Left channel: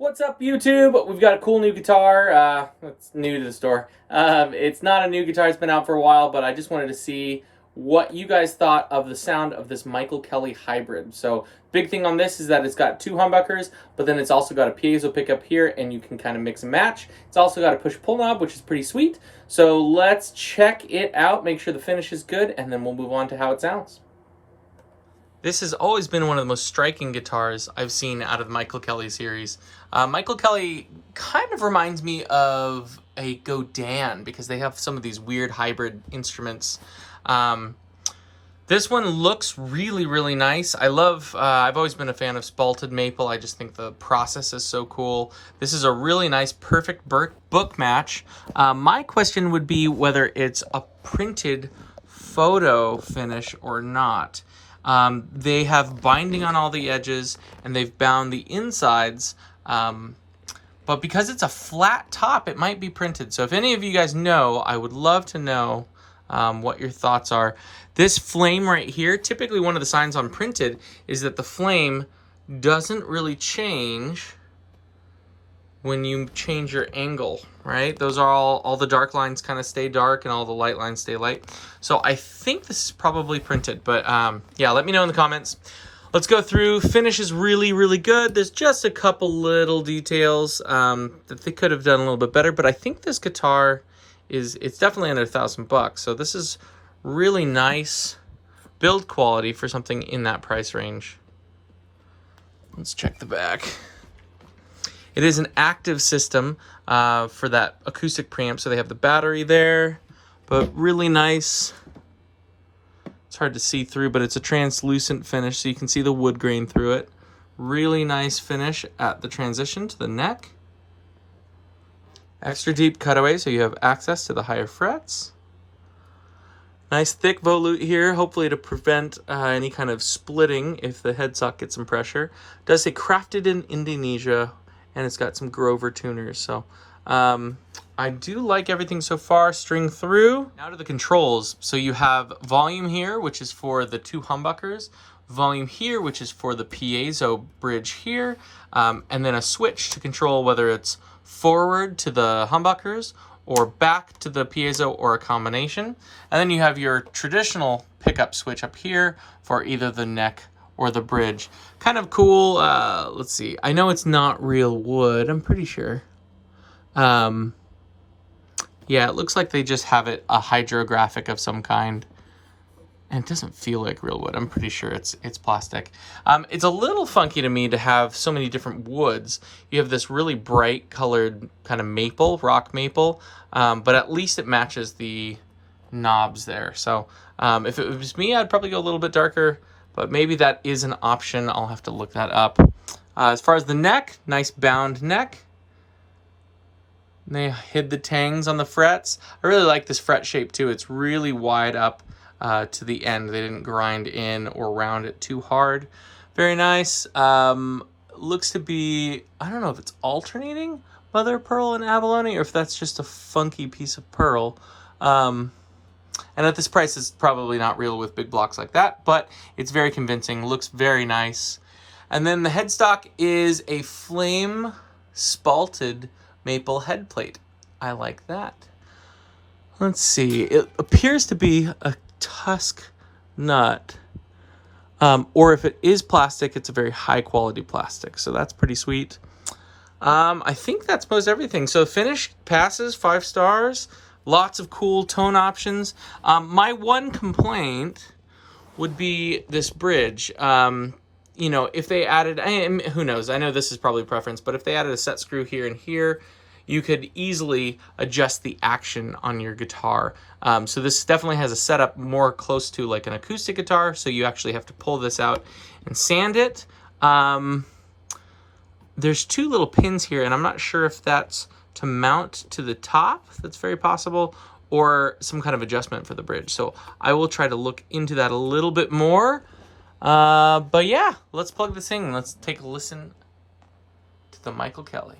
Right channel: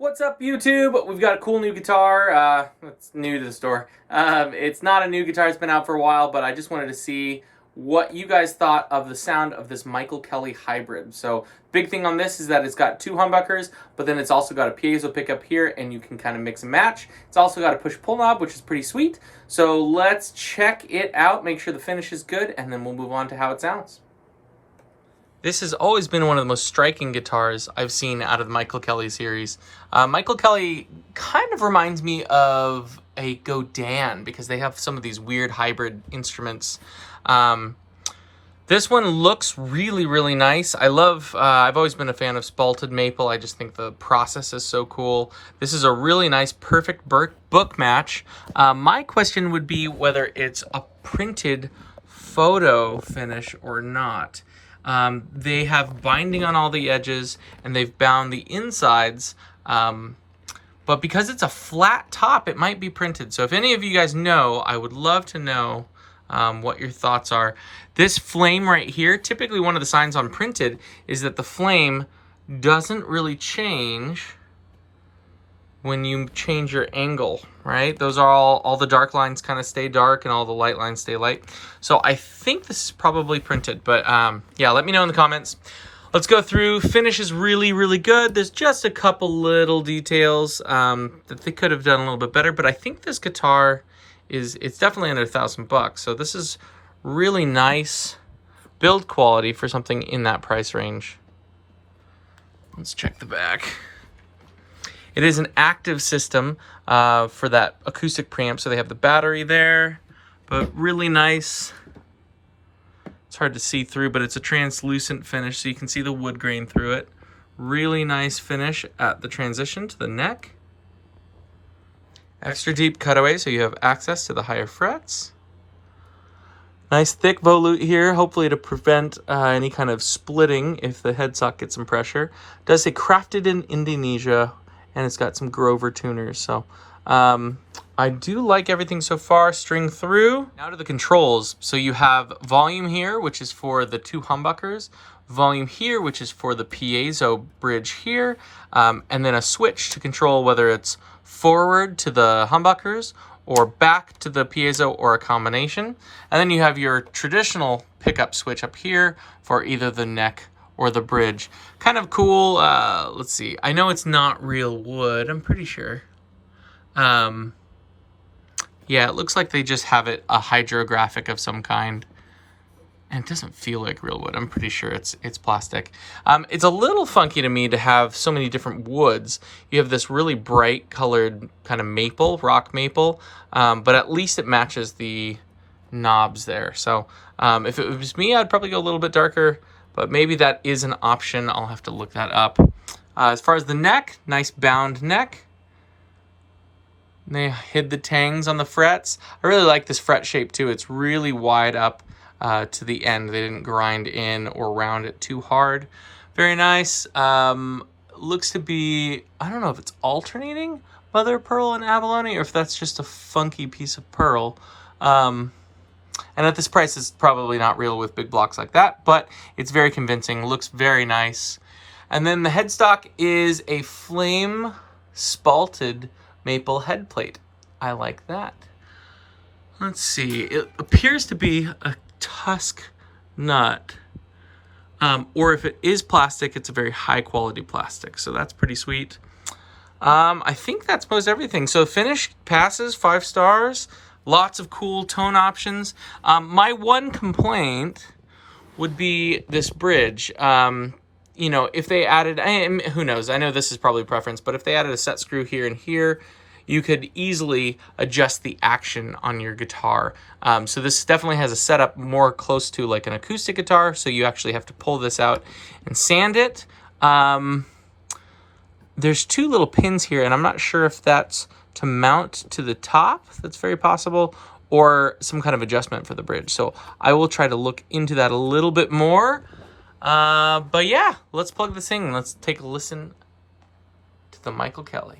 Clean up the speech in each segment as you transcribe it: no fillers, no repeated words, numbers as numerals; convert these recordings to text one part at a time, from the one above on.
What's up, YouTube? We've got a cool new guitar. It's new to the store. It's not a new guitar, it's been out for a while, but I just wanted to see what you guys thought of the sound of this Michael Kelly hybrid. So, big thing on this is that it's got two humbuckers, but then it's also got a piezo pickup here, and you can kind of mix and match. It's also got a push-pull knob, which is pretty sweet. So, let's check it out, make sure the finish is good, and then we'll move on to how it sounds. This has always been one of the most striking guitars I've seen out of the Michael Kelly series. Michael Kelly kind of reminds me of a Godin because they have some of these weird hybrid instruments. This one looks really, really nice. I've always been a fan of Spalted maple. I just think the process is so cool. This is a really nice, perfect book match. My question would be whether it's a printed photo finish or not. They have binding on all the edges and they've bound the insides, but because it's a flat top, it might be printed. So if any of you guys know, I would love to know what your thoughts are. This flame right here, typically one of the signs on printed is that the flame doesn't really change when you change your angle, right? Those are all the dark lines kind of stay dark and all the light lines stay light. So I think this is probably printed, but yeah, let me know in the comments. Let's go through. Finish is really, really good. There's just a couple little details that they could have done a little bit better, but I think this guitar it's definitely under $1,000. So this is really nice build quality for something in that price range. Let's check the back. It is an active system for that acoustic preamp, so they have the battery there, but really nice. It's hard to see through, but it's a translucent finish, so you can see the wood grain through it. Really nice finish at the transition to the neck. Extra deep cutaway, so you have access to the higher frets. Nice thick volute here, hopefully to prevent any kind of splitting if the headstock gets some pressure. It does say crafted in Indonesia, and it's got some Grover tuners. So I do like everything so far. String through. Now to the controls. So you have volume here, which is for the two humbuckers. Volume here, which is for the piezo bridge here. And then a switch to control whether it's forward to the humbuckers or back to the piezo or a combination. And then you have your traditional pickup switch up here for either the neck or the bridge. Kind of cool. Let's see. I know it's not real wood. I'm pretty sure. Yeah, it looks like they just have it a hydrographic of some kind. And it doesn't feel like real wood. I'm pretty sure it's plastic. It's a little funky to me to have so many different woods. You have this really bright colored kind of maple, rock maple, but at least it matches the knobs there. So if it was me, I'd probably go a little bit darker, but maybe that is an option. I'll have to look that up. As far as the neck, nice bound neck. They hid the tangs on the frets. I really like this fret shape too. It's really wide up to the end. They didn't grind in or round it too hard. Very nice. Looks to be, I don't know if it's alternating mother of pearl and abalone or if that's just a funky piece of pearl. And at this price, it's probably not real with big blocks like that, but it's very convincing. Looks very nice. And then the headstock is a flame spalted maple head plate. I like that. Let's see. It appears to be a tusk nut. Or if it is plastic, it's a very high quality plastic. So that's pretty sweet. I think that's most everything. So finish passes 5 stars. Lots of cool tone options. My one complaint would be this bridge. You know, if they added, who knows? I know this is probably preference, but if they added a set screw here and here, you could easily adjust the action on your guitar. So this definitely has a setup more close to like an acoustic guitar, so you actually have to pull this out and sand it. There's 2 little pins here, and I'm not sure if that's to mount to the top, that's very possible, or some kind of adjustment for the bridge. So I will try to look into that a little bit more. But yeah, let's plug this in. Let's take a listen to the Michael Kelly.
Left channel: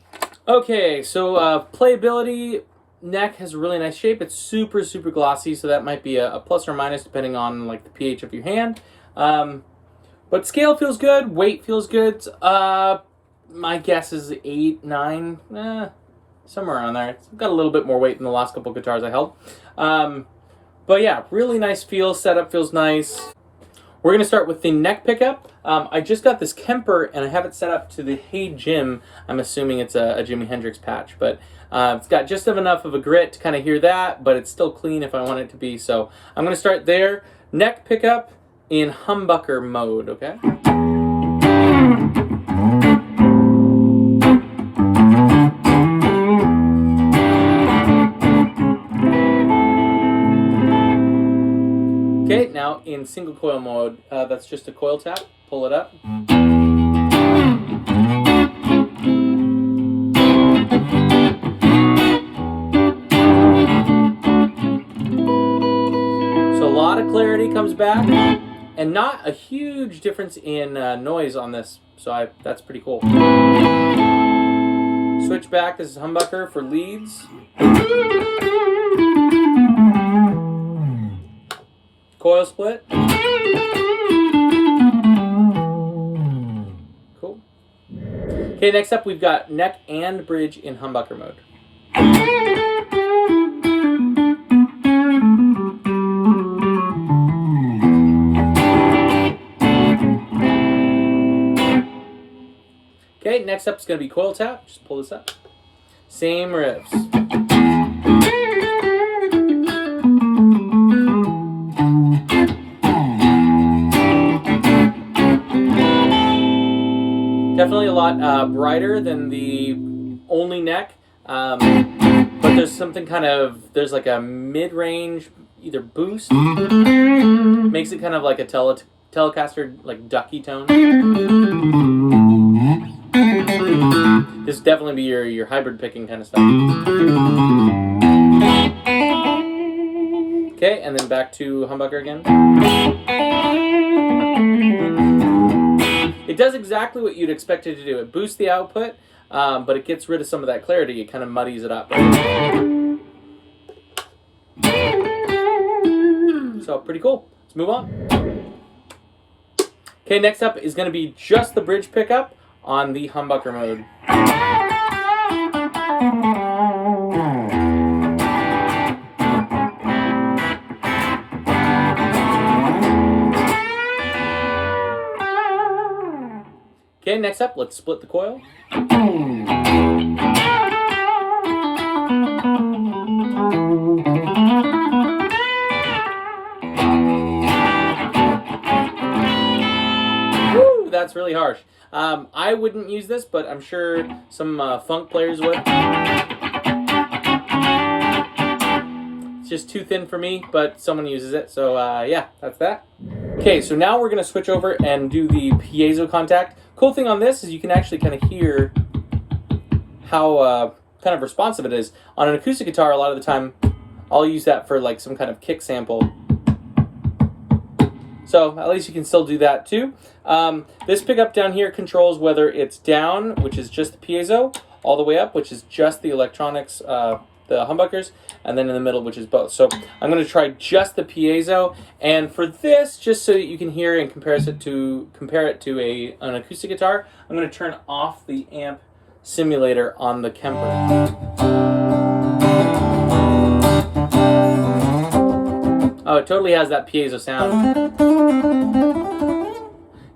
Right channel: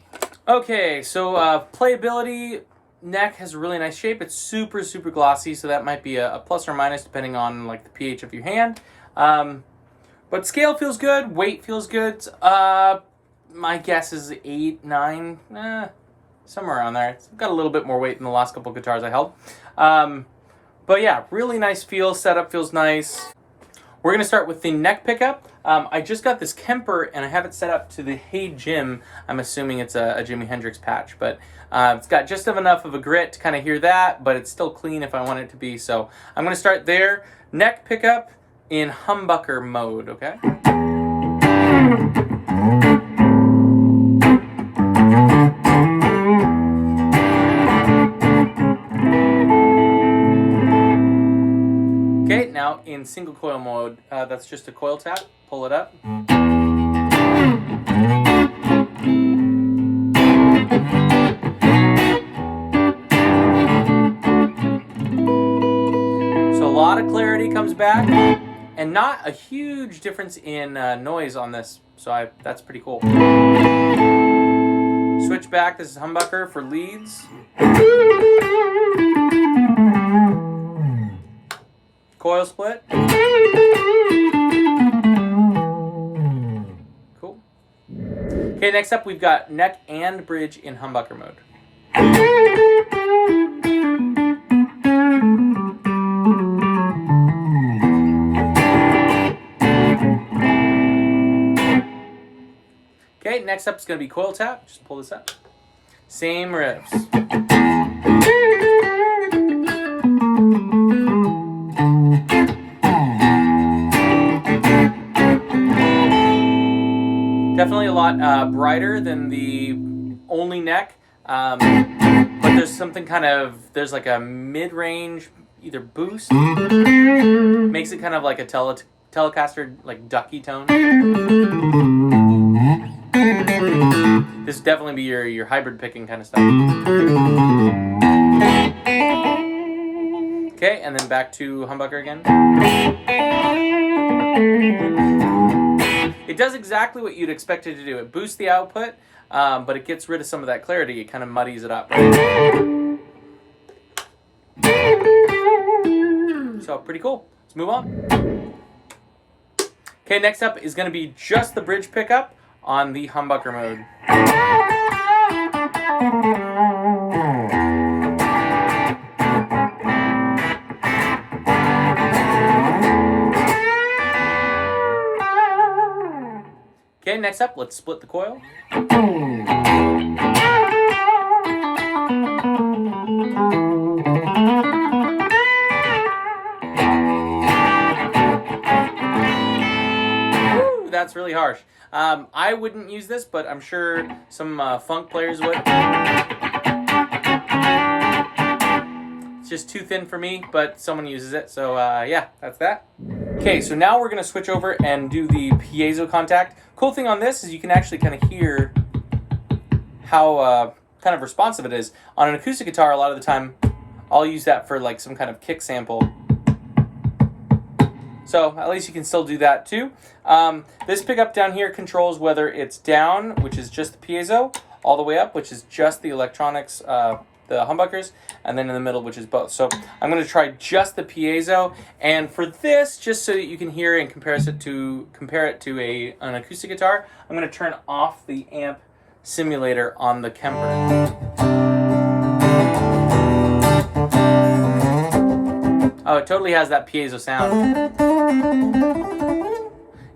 Okay, so playability, neck has a really nice shape. It's super, super glossy, so that might be a plus or minus depending on like the pH of your hand. But scale feels good, weight feels good. my guess is 8, 9, somewhere around there. It's got a little bit more weight than the last couple guitars I held. But yeah, really nice feel. Setup feels nice. We're going to start with the neck pickup. I just got this Kemper and I have it set up to the Hey Jim. I'm assuming it's a Jimi Hendrix patch, but it's got just enough of a grit to kind of hear that, but it's still clean if I want it to be. So I'm going to start there. Neck pickup in humbucker mode, okay? Okay, now in single coil mode, that's just a coil tap. Pull it up. So a lot of clarity comes back, and not a huge difference in noise on this. So that's pretty cool. Switch back. This is humbucker for leads. Coil split. Cool. Okay, next up we've got neck and bridge in humbucker mode. Okay, next up is going to be coil tap. Just pull this up. Same riffs. Definitely a lot brighter than the only neck, but there's something there's like a mid-range, either boost, makes it kind of like a Telecaster, like ducky tone. This would definitely be your hybrid picking kind of stuff. Okay, and then back to humbucker again. It does exactly what you'd expect it to do. It boosts the output, but it gets rid of some of that clarity. It kind of muddies it up. Right? So pretty cool. Let's move on. Okay, next up is going to be just the bridge pickup on the humbucker mode. Okay, next up, let's split the coil. Woo, that's really harsh. I wouldn't use this, but I'm sure some funk players would. It's just too thin for me, but someone uses it, so yeah, that's that. Okay, so now we're going to switch over and do the piezo contact. Cool thing on this is you can actually kind of hear how kind of responsive it is. On an acoustic guitar, a lot of the time, I'll use that for like some kind of kick sample. So at least you can still do that too. This pickup down here controls whether it's down, which is just the piezo, all the way up, which is just the electronics, the humbuckers, and then in the middle, which is both. So I'm going to try just the piezo, and for this, just so that you can hear and compare it to an acoustic guitar, I'm going to turn off the amp simulator on the Kemper. Oh, it totally has that piezo sound.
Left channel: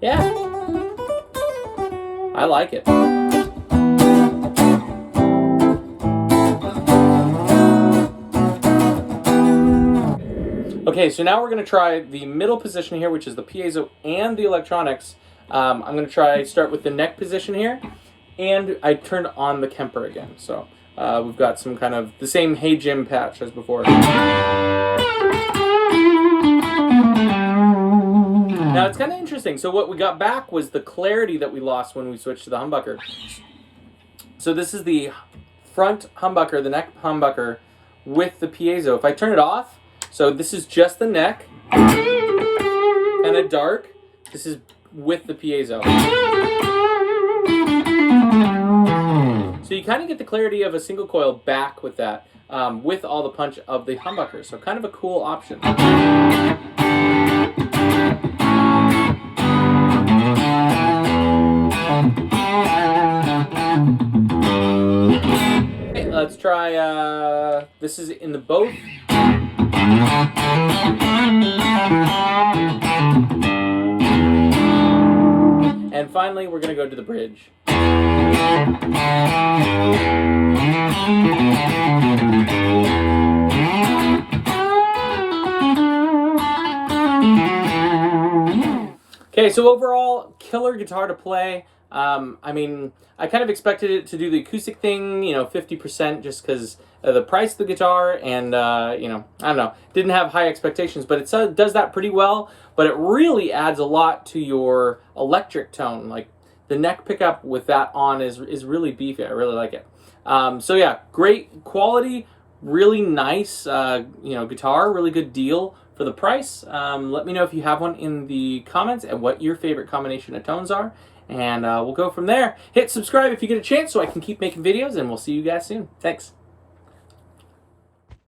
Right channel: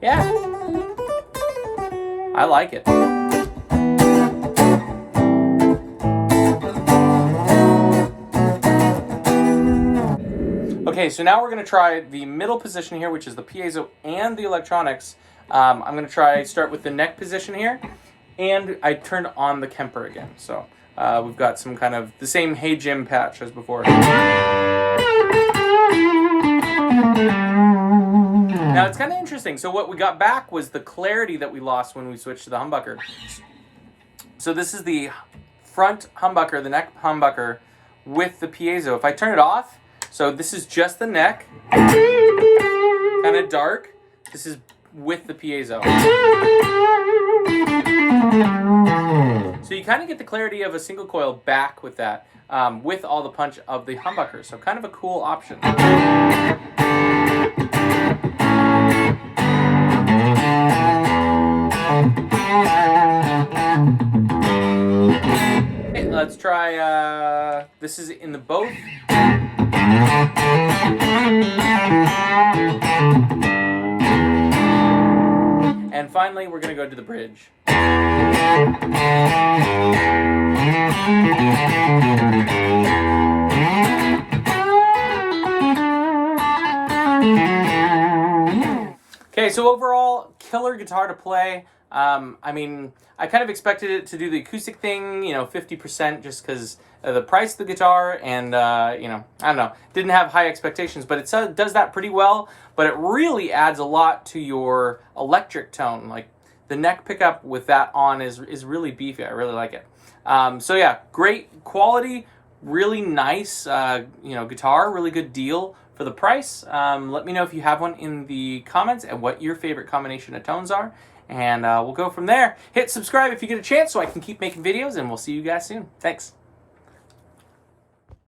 Yeah, I like it. Okay, so now we're going to try the middle position here, which is the piezo and the electronics. I'm going to start with the neck position here, and I turned on the Kemper again. So we've got some kind of the same Hey Jim patch as before. Now it's kind of interesting. So what we got back was the clarity that we lost when we switched to the humbucker. So this is the front humbucker, the neck humbucker with the piezo. If I turn it off, so this is just the neck, kind of dark. This is with the piezo. So you kind of get the clarity of a single coil back with that, with all the punch of the humbucker. So kind of a cool option. let's try, this is in the both. And finally, we're going to go to the bridge. Okay, so overall, killer guitar to play. I mean, I kind of expected it to do the acoustic thing, you know, 50% just because of the price of the guitar, and, you know, I don't know, didn't have high expectations, but it does that pretty well, but it really adds a lot to your electric tone. Like, the neck pickup with that on is really beefy. I really like it. So yeah, great quality, really nice, you know, guitar, really good deal for the price. Let me know if you have one in the comments and what your favorite combination of tones are, and we'll go from there. Hit subscribe if you get a chance so I can keep making videos, and we'll see you guys soon. Thanks.